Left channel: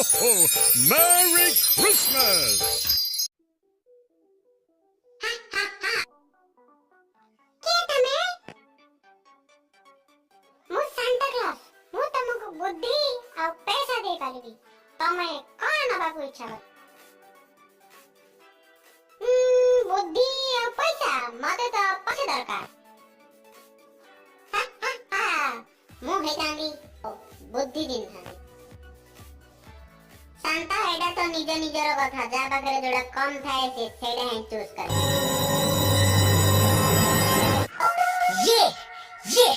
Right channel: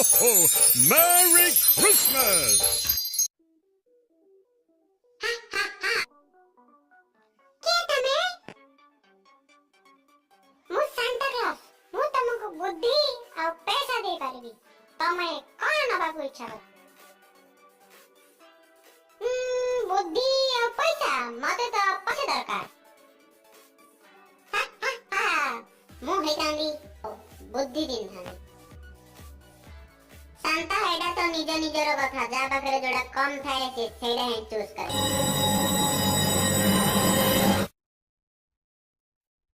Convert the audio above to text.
Merry Christmas! बुद्धि और पैसा दे पारिबी तमे कोन नबाकू इच्छा कर बुद्धि और पैसा मते तो पछे दरकार मु हेतांदी बुद्धि दिन थांदी शांता एडा तो निज निजर कथा जा पाखरे जोडा कम थाए से सेडा ही चूज करे ये